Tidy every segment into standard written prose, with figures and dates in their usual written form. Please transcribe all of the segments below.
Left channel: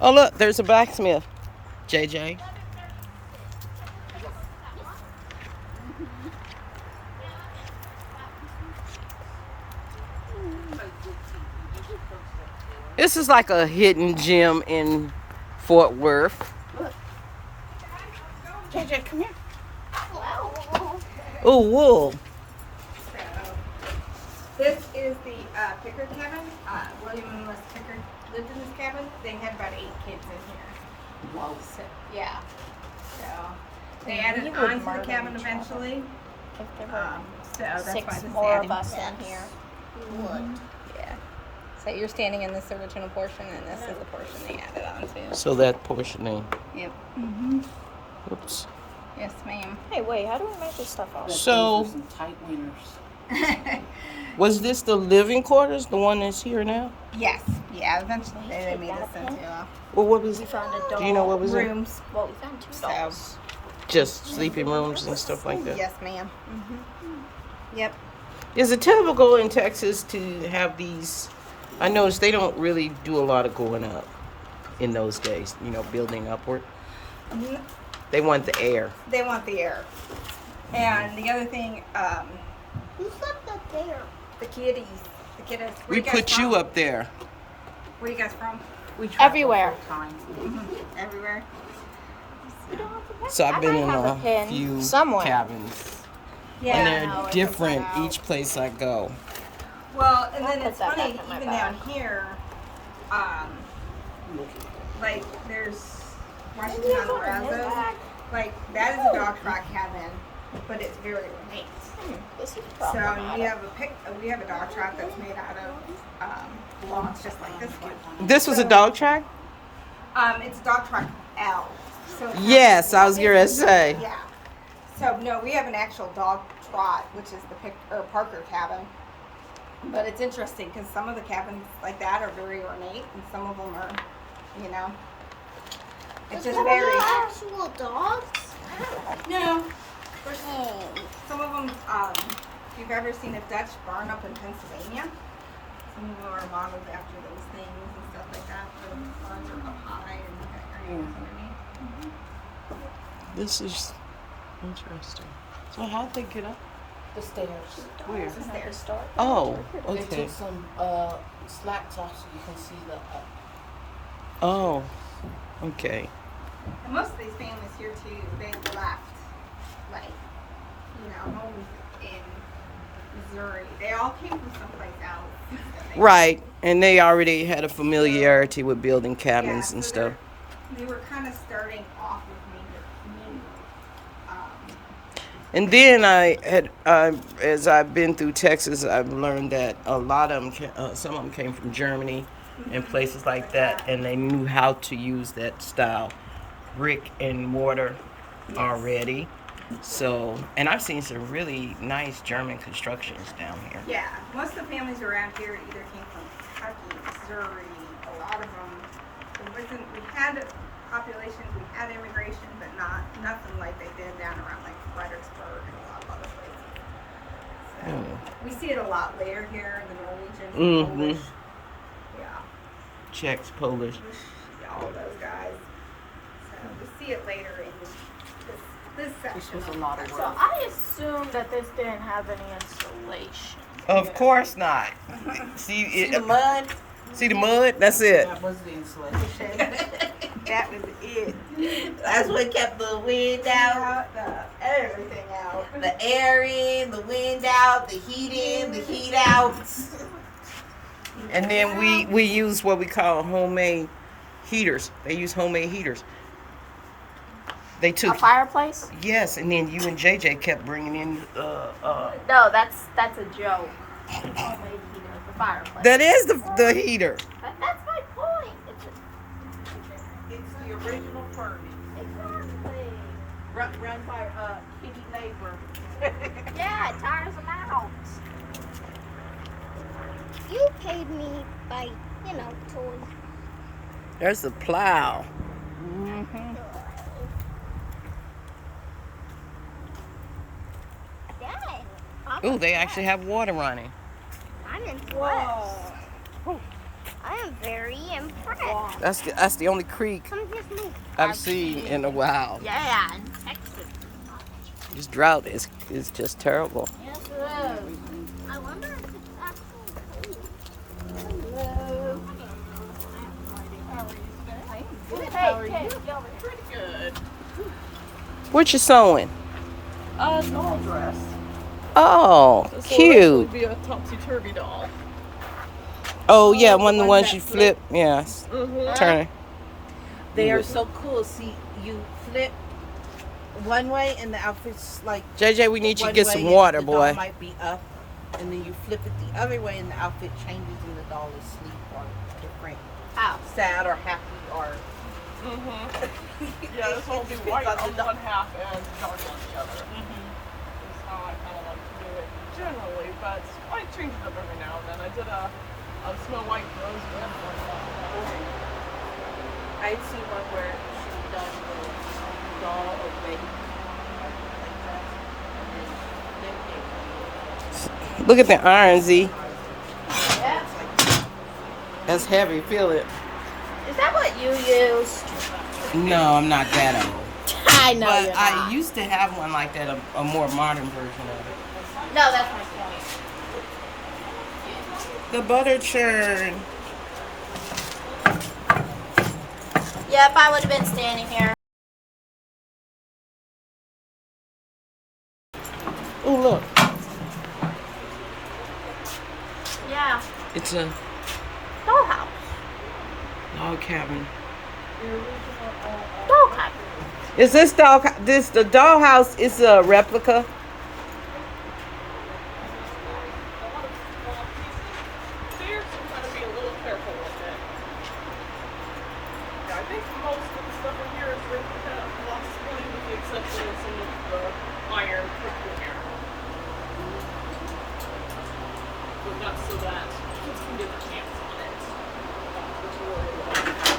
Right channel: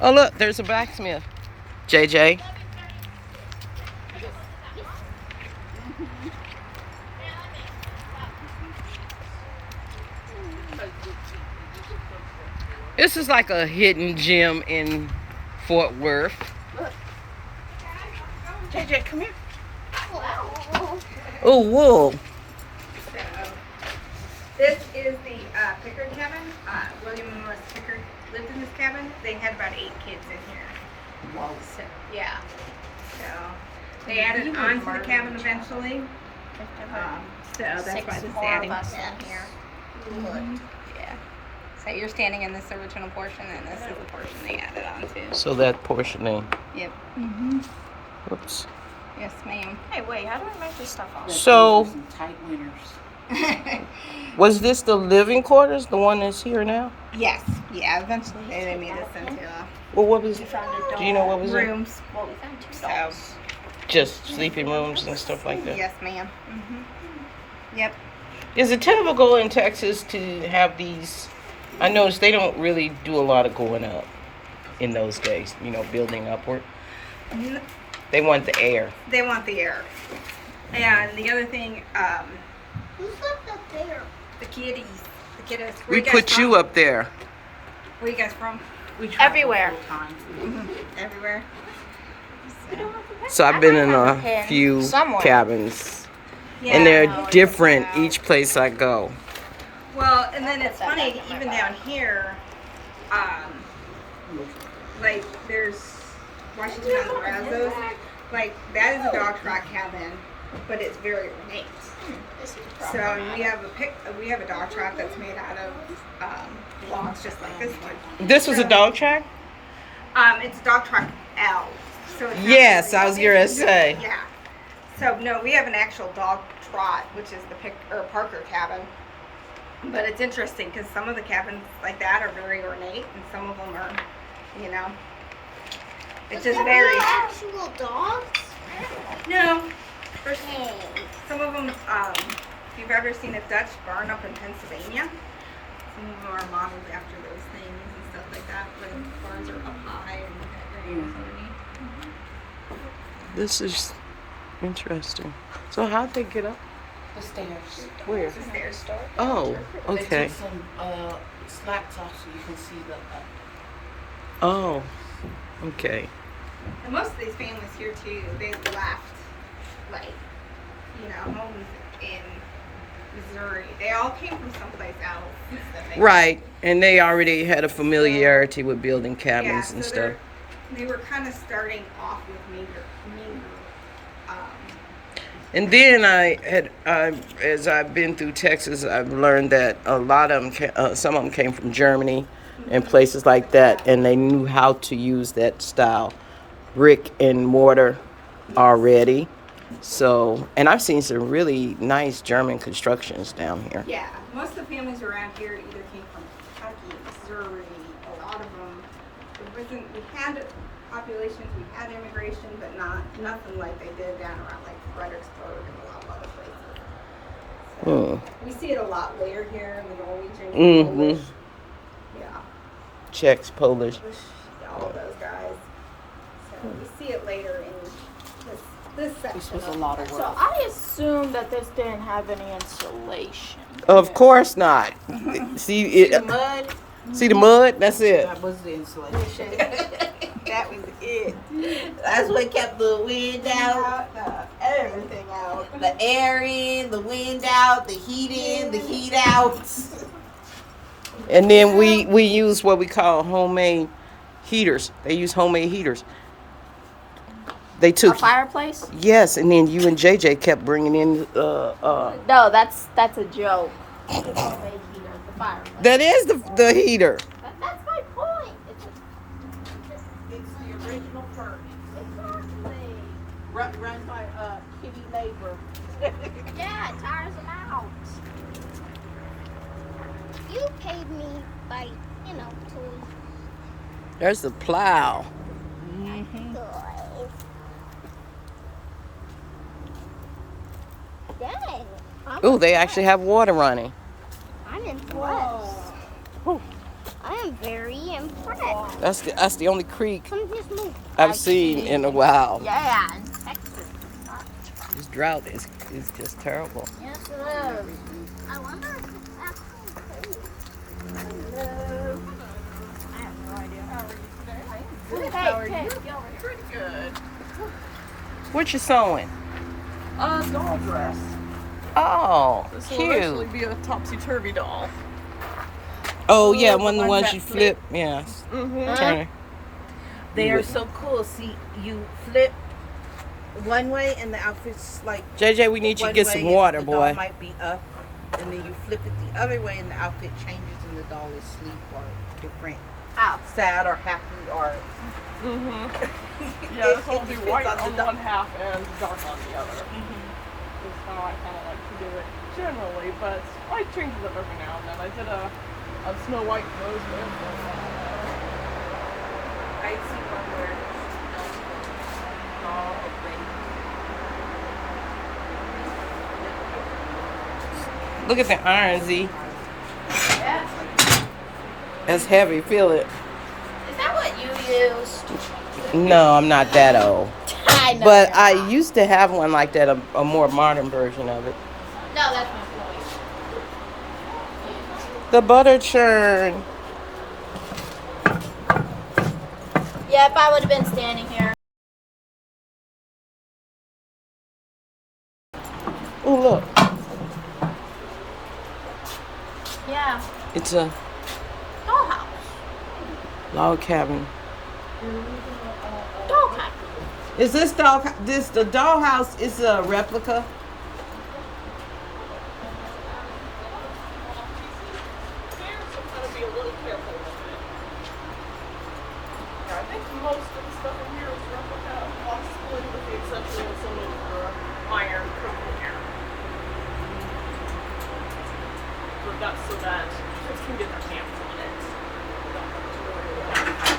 Oh, look, there's a blacksmith. JJ. This is like a hidden gem in Fort Worth. JJ, come here. Oh, wool. So, this is the Pickard cabin. William and Norris Pickard lived in this cabin. They had about 8 kids in here. Wow. So, yeah. So, they added on to the cabin eventually. So that's why Six it's more of adding. us in here. Yeah. So you're standing in this original portion, and this is the portion they added on to. So that portioning. Yep. Whoops. Yes, ma'am. Hey, wait, how do we make this stuff off? So, Some tight winners. was this the living quarters, the one that's here now? Yes. Yeah. Eventually they made this into Well, what was We it? found a dog. Do you know what was it? rooms. Well, we found 2 So. dogs. Just sleeping rooms and stuff like that. Yes, ma'am. Yep. Is it typical in Texas to have these? I noticed they don't really do a lot of going up in those days, building upward. They want the air. They want the air. And the other thing, Who's that there? the kitties. The kiddos. Where We you guys put from? you up there. Where you guys from? We travel Everywhere. full time. Everywhere. So I've been in a pin few somewhere. cabins, Yeah. and they're different each place I go. Well, and then it's funny, even down here, like there's Washington on the Brazos, like that is a dog trot cabin, but it's very ornate. So we have a dog trot that's made out of logs, just like this one. This was a dog track? It's a dog trot L. So it's not Yes, really- I was gonna say. Yeah. So no, we have an actual dog trot, which is the Parker cabin. But it's interesting because some of the cabins like that are very ornate, and some of them are, it's just very. actual dogs? No, there's some of them. If you've ever seen a Dutch barn up in Pennsylvania, some of them are modeled after those things and stuff like that, where the barns are up high and This is interesting. So how'd they get up? The stairs. Where? the stairs. Oh, They okay. took some slats off so you can see the. Oh, okay. And most of these families here too, they left, like, homes in Missouri. They all came from someplace else. Right, and they already had a familiarity with building cabins and stuff. They were kind of starting off with meager. And then as I've been through Texas, I've learned that a lot of them, some of them came from Germany and places like that, and they knew how to use that style, brick and mortar, already. So, and I've seen some really nice German constructions down here. Yeah, most of the families around here either came from Kentucky, Missouri. A lot of them. We had populations, we had immigration, but nothing like they did down around like Fredericksburg and a lot of other places. So, we see it a lot later here in the Norwegian. Polish. Yeah, Czechs, Polish. all of those guys. So we see it later in this This section. was a lot of So work. I assume that this didn't have any insulation. Of course not. See it. Mud. See the mud? That's it. That was the insulation. That was it. That's what kept the wind out, Everything out. the air in, the wind out, the heat in, the heat out. And then we use what we call homemade heaters. They use homemade heaters. They A took fireplace? yes, and then you and JJ kept bringing in. No, that's a joke. It's maybe the fireplace. That is the heater. That's my point. It's the original furnace, Exactly. run by kitty neighbor. Yeah, it tires them out. You paid me by, toys. There's the plow. Dang. Oh, they actually have water running. I'm impressed. Whoa. I am very impressed. That's the only creek Some just moved. I've seen in a while. Yeah, in Texas. This drought is just terrible. Yes, it is. I wonder if it's actually cold. I have no idea. How are you today? Good. How are you? Pretty good. What you sewing? Doll dress. Oh, This will cute. eventually be a topsy-turvy doll. Oh yeah, one of the like ones that you flip. flip. Yes. Mm-hmm. Turn it. They You are would- so cool. See, you flip one way and the outfit's like JJ, we need you to one get way some and water, the doll boy. might be up, and then you flip it the other way and the outfit changes and the doll is asleep or different, Ow. sad or happy or. Yeah, this will be depends white on on the one half and dark on the other. Is how I kind of like to do it generally, but I change it up every now and then. I did a Snow White Rose Red. I see one where the doll thing. Look at the iron, Z. Yeah. That's heavy. Feel it. Is that what you use? No, I'm not that old. I know. But I used to have one like that, a more modern version of it. No, that's my point. The butter churn. Yep, I would have been standing here. Oh, look. Yeah. It's a Dollhouse. log cabin. Doll cabin. Is this the dollhouse is a replica? There, so kind of be a little careful with it. I think most of the stuff in here is replica, possibly with the exception of some of the iron cookware. But that's so that kids can get their hands on it. They don't have to worry about it.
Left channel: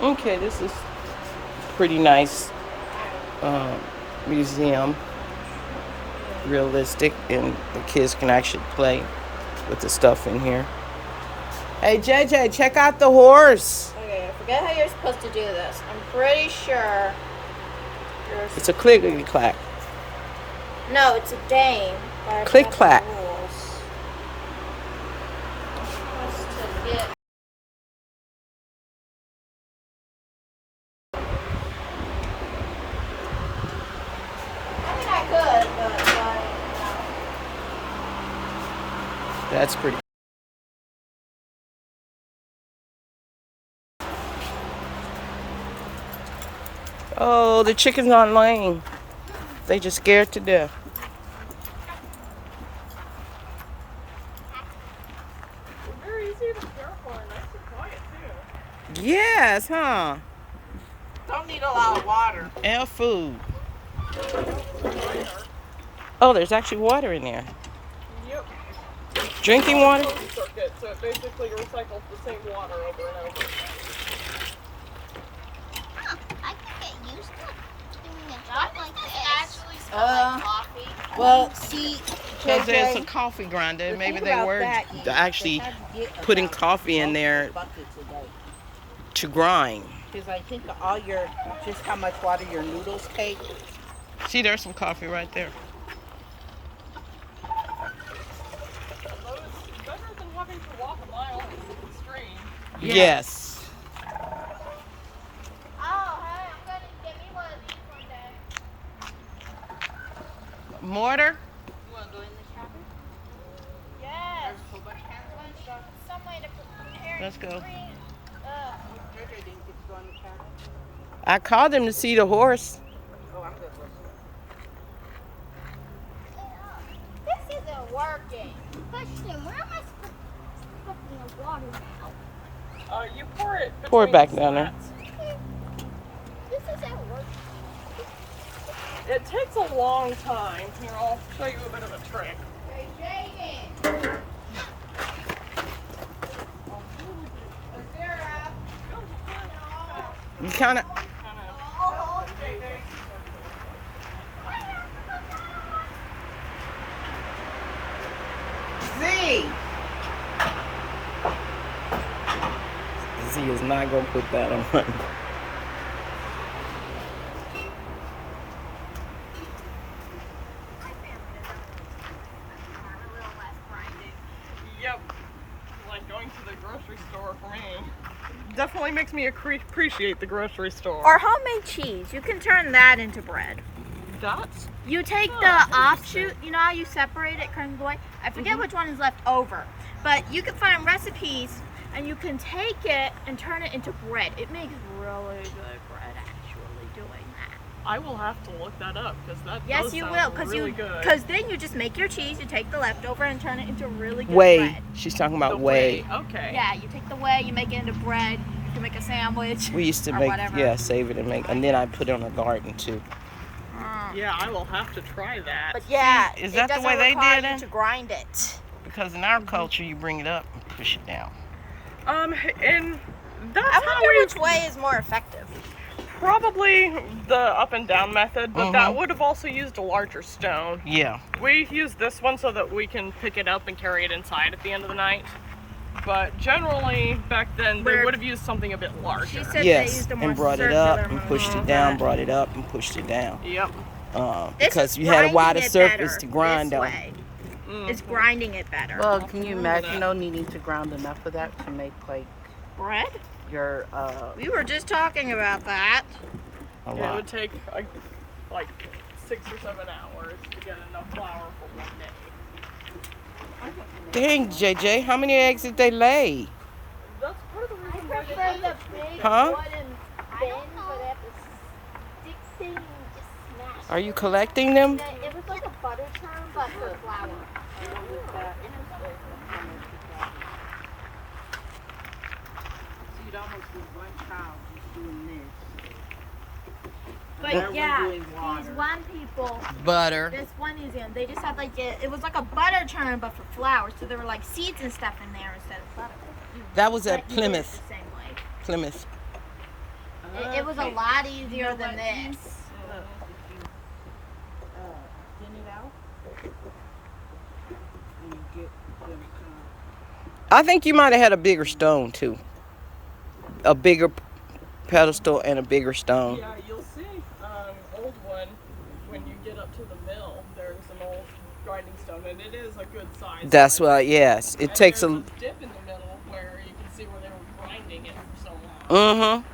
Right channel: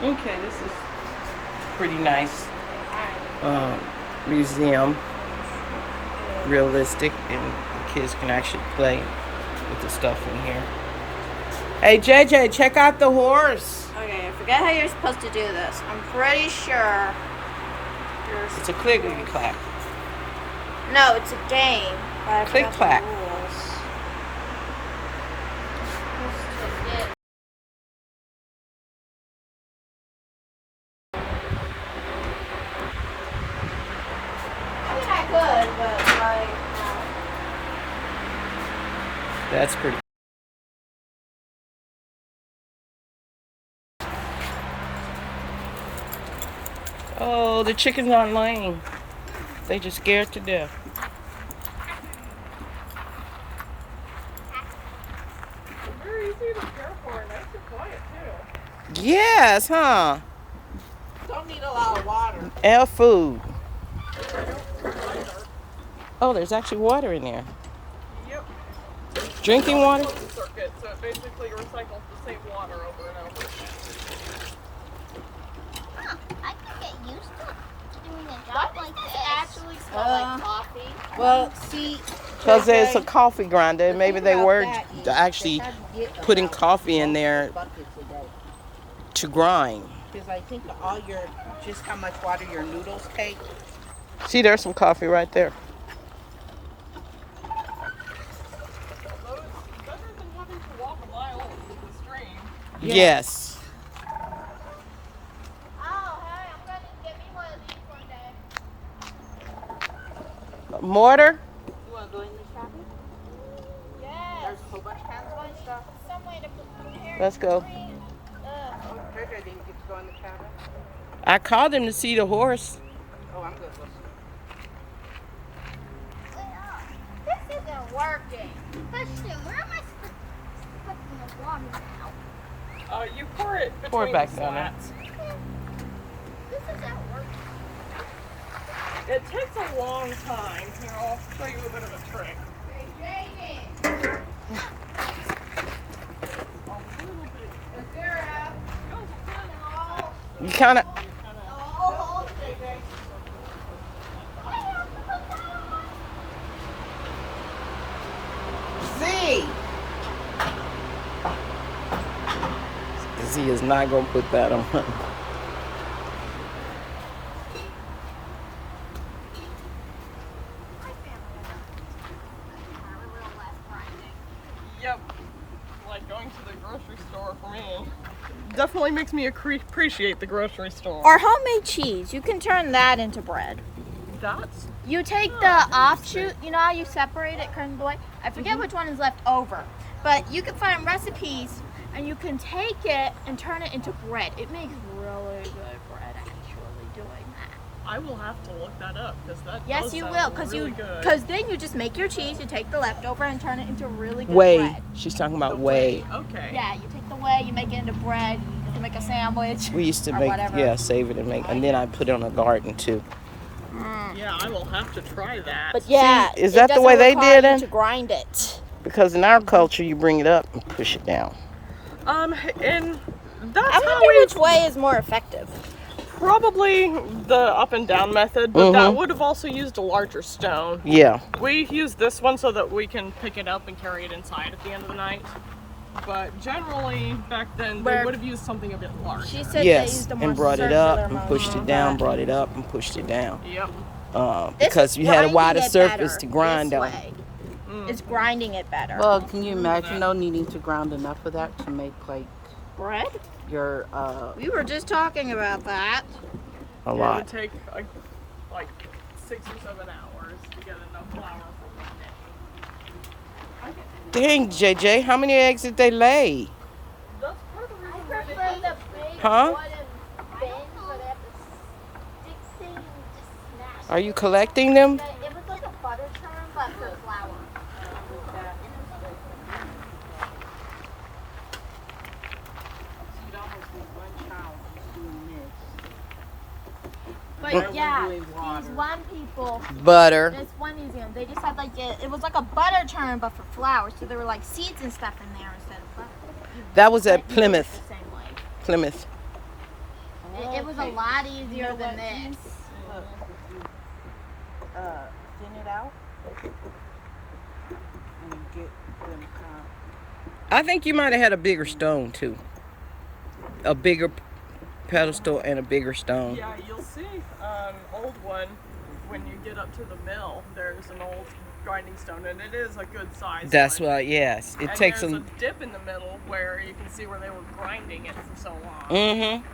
Okay, this is pretty nice museum. Realistic, and the kids can actually play with the stuff in here. Hey JJ, check out the horse. Okay, I forget how you're supposed to do this. I'm pretty sure there's... It's a clickety clack. No, it's a game. but I Click forgot the clack. rules. I mean, I could, but like, no. That's pretty. Oh, the chickens aren't laying. They just scared to death. They're very easy to care for, nice and quiet too. Yes, huh? Don't need a lot of water. And food. Oh, there's actually water in there. Yep. Drinking water? Circuit, so it basically recycles the same water over and over. Huh, I could get used to doing a job like this. Well, see, Because there's a coffee grinder. Maybe they were actually putting coffee in there to grind. Because I think all your, just how much water your noodles take. See, there's some coffee right there. Better than having to walk a mile into the stream. Yes. Oh, hey, I'm gonna get me one of these one day. Mortar? You want to go in this shopping? Yes. A whole bunch of cans and stuff. Some way to put them here. Let's go. Oh, Georgia didn't get to go in the car. I called him to see the horse. Oh, I'm good with This isn't working. Question, where am I supposed to put the water now? You pour it between Pour it back the down there. slats. This isn't working. It takes a long time. Here, I'll show you a bit of a trick. You kind of. Z. he is not gonna put that on. Yep. Like going to the grocery store for me. Definitely makes me appreciate the grocery store. Or homemade cheese. You can turn that into bread. That's You take the offshoot, you know how you separate it, curtain boy? I forget which one is left over. But you can find recipes and you can take it and turn it into bread. It makes really good bread actually doing that. I will have to look that up because that Yes, does you sound will, really good. because then you just make your cheese, you take the leftover and turn it into really good Whey. bread. She's talking The about whey. Okay. Yeah, you take the whey, you make it into bread, you can make a sandwich. We used to or make, whatever. yeah, save it and make, and then I put it on a garden too. Yeah, I will have to try that. But yeah, See, is it that the doesn't way they require did you it? to grind it. Because in our culture, you bring it up and push it down. And that's I how wonder we which way is more effective. probably the up and down method, but that Mhm. would have also used a larger stone. Yeah. We use this one so that we can pick it up and carry it inside at the end of the night. But generally, back then, they Where- would have used something a bit larger. She said they Yes, used a and more brought it up circular and pushed it one. down, brought it up and pushed it down. Yep. Because you had a wider surface to grind on. It's grinding it better. Well, can you imagine though needing to grind enough of that to make like Bread? your We were just talking about that. A It lot. would take like 6 or 7 hours to get enough flour for one day. Dang, JJ, how many eggs did they lay? That's part of the reason why they did Huh? I don't know. Fix it and just smash Are you collecting them? it. It was like a butter churn, but for flour. And I'm gonna you'd almost be one child just doing this. But They're yeah, doing these water. one people, Butter. this one museum, they just had like it was like a butter churn but for flour. So there were like seeds and stuff in there instead of butter. That was at But you do it Plymouth. the same way. Plymouth. It was a Okay. lot easier know than what? this. Look, if you thin it out and you get them I think you might have had a bigger stone too. A bigger pedestal and a bigger stone. Yeah, you'll see an old one when you get up to the mill. There's an old grinding stone, and it is a good size. That's one. why, yes. It And takes there's a. a dip in the middle where you can see where they were grinding it for so long. Mm-hmm.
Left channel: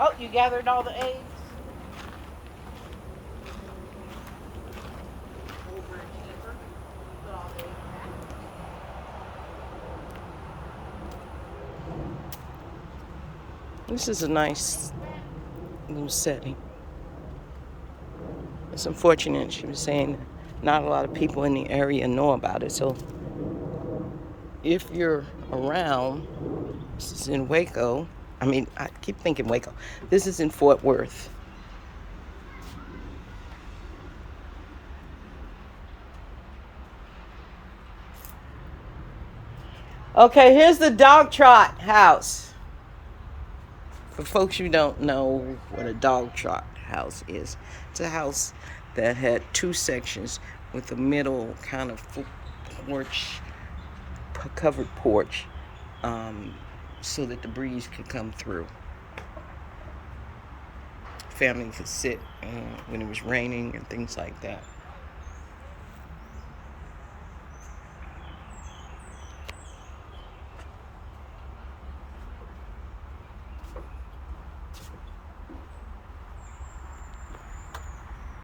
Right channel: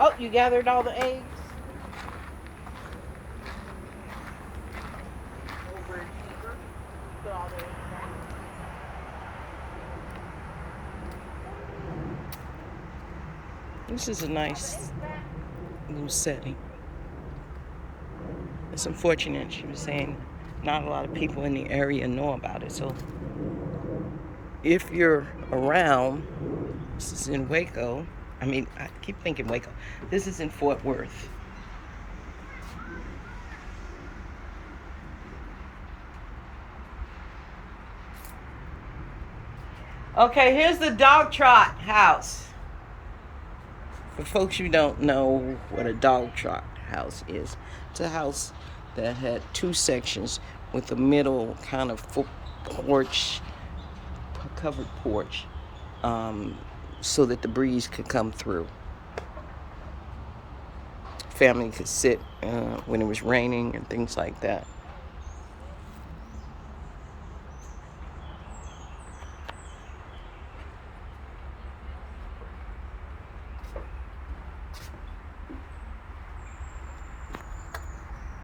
Oh, you gathered all the eggs? This is a nice little setting. It's unfortunate, she was saying, not a lot of people in the area know about it. So if you're around, this is in Waco. I keep thinking Waco. This is in Fort Worth. Okay, here's the dog trot house. For folks who don't know what a dog trot house is, it's a house that had two sections with a middle kind of porch, covered porch, so that the breeze could come through. Family could sit when it was raining and things like that.